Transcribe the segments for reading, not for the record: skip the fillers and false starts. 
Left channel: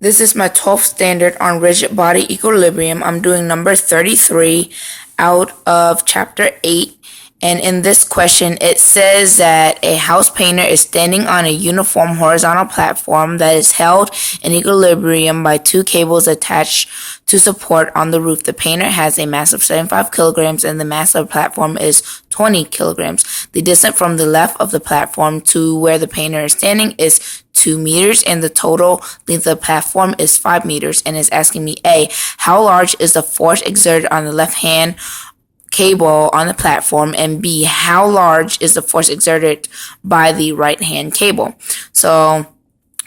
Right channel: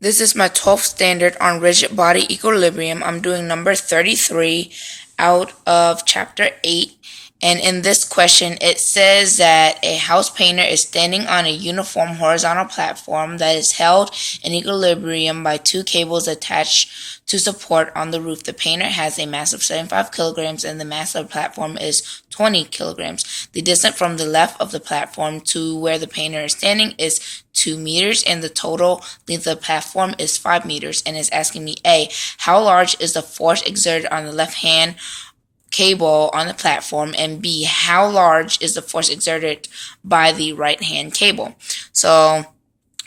This is my 12th standard on rigid body equilibrium. I'm doing number 33 out of chapter 8. And in this question, it says that a house painter is standing on a uniform horizontal platform that is held in equilibrium by two cables attached to support on the roof. The painter has a mass of 75 kilograms and the mass of the platform is 20 kilograms. The distance from the left of the platform to where the painter is standing is 2 meters and the total length of the platform is 5 meters, and is asking me A, how large is the force exerted on the left hand cable on the platform, and B, how large is the force exerted by the right hand cable. So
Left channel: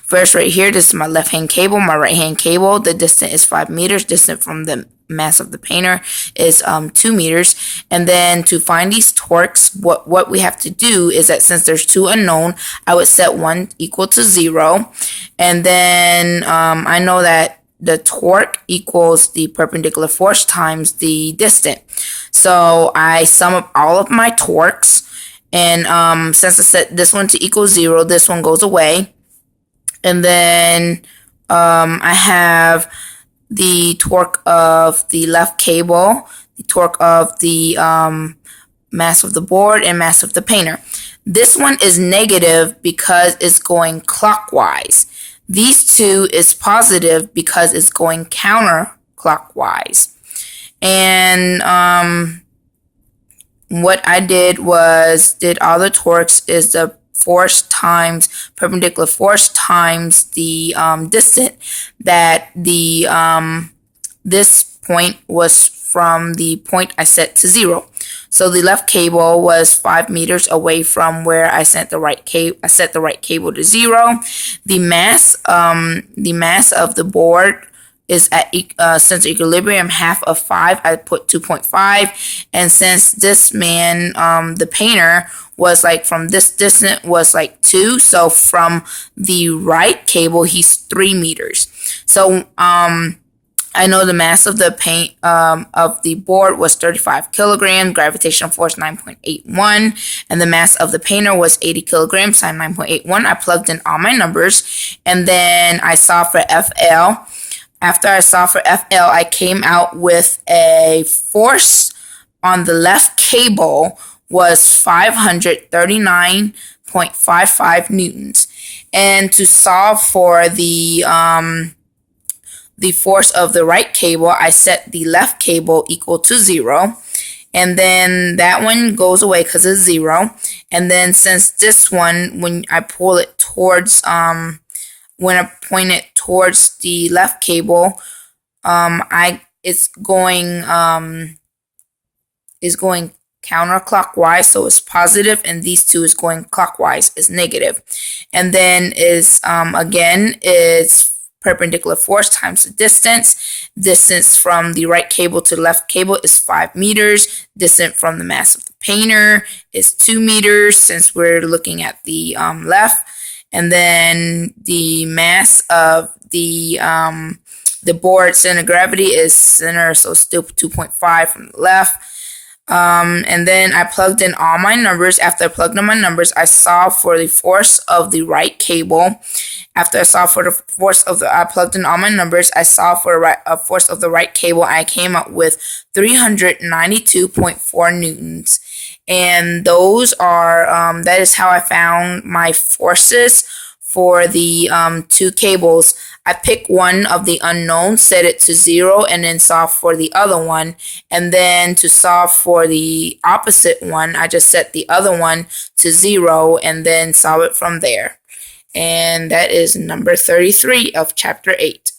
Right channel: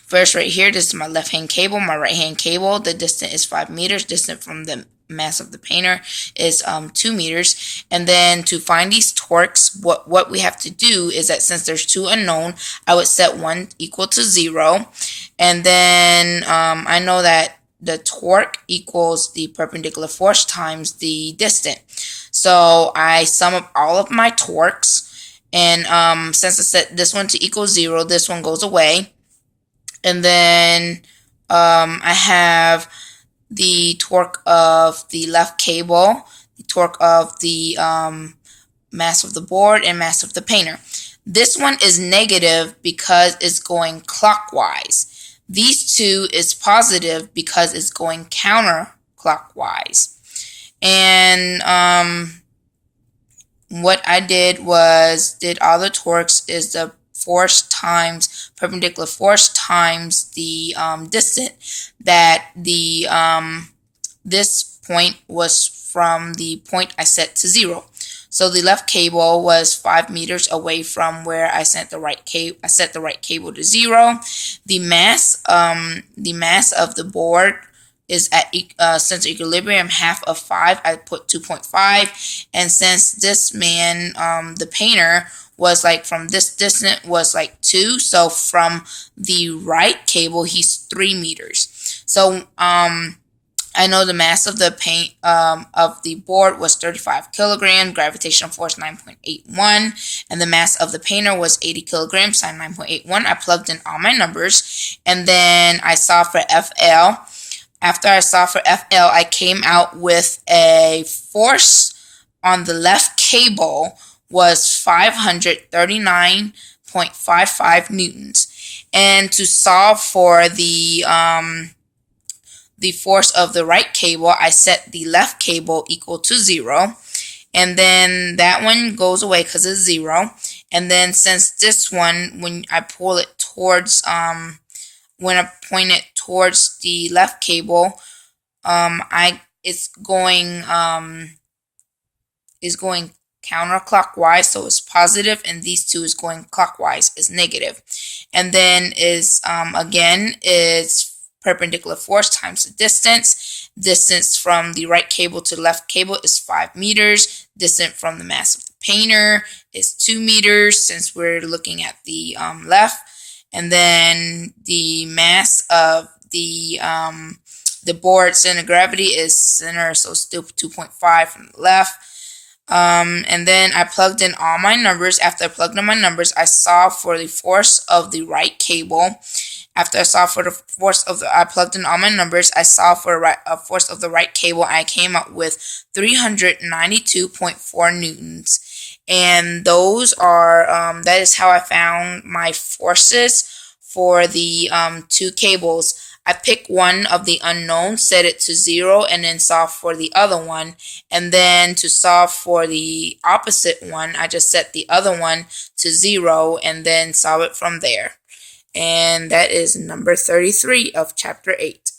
first right here, this is my left hand cable, my right hand cable, the distance is 5 meters, distance from the mass of the painter is 2 meters. And then to find these torques, what we have to do is that since there's two unknown, I would set one equal to 0, and then I know that the torque equals the perpendicular force times the distance. So I sum up all of my torques, and since I set this one to equal 0, this one goes away. And then I have the torque of the left cable, the torque of the mass of the board, and mass of the painter. This one is negative because it's going clockwise. These two is positive because it's going counterclockwise. And what I did was did all the torques is the force times perpendicular force times the distance that the this point was from the point I set to 0. So the left cable was 5 meters away from where I set the right cable to 0. The mass of the board is at since equilibrium half of 5, I put 2.5, and since this man, the painter, was like from this distance was like 2, so from the right cable he's 3 meters. So I know the mass of the paint of the board was 35 kilograms, gravitational force 9.81, and the mass of the painter was 80 kilograms, sine 9.81. I plugged in all my numbers, and then I saw for FL. After I saw for FL, I came out with a force on the left cable was 539.55 newtons. And to solve for the force of the right cable, I set the left cable equal to 0. And then that one goes away because it's 0. And then since this one, when I pull it towards, when I point it towards the left cable, it's going counterclockwise, so it's positive, and these two is going clockwise, is negative. And then is again is perpendicular force times the distance. Distance from the right cable to the left cable is 5 meters. Distance from the mass of the painter is 2 meters, since we're looking at the left. And then the mass of the board center of gravity is center, so still 2.5 from the left. And then I plugged in all my numbers. After I plugged in my numbers, I solved for the force of the right cable. After I solved for the force of I plugged in all my numbers, I solved for the force of the right cable. I came up with 392.4 newtons. And those are, that is how I found my forces for the two cables. I picked one of the unknown, set it to 0, and then solve for the other one. And then to solve for the opposite one, I just set the other one to 0 and then solve it from there. And that is number 33 of chapter 8.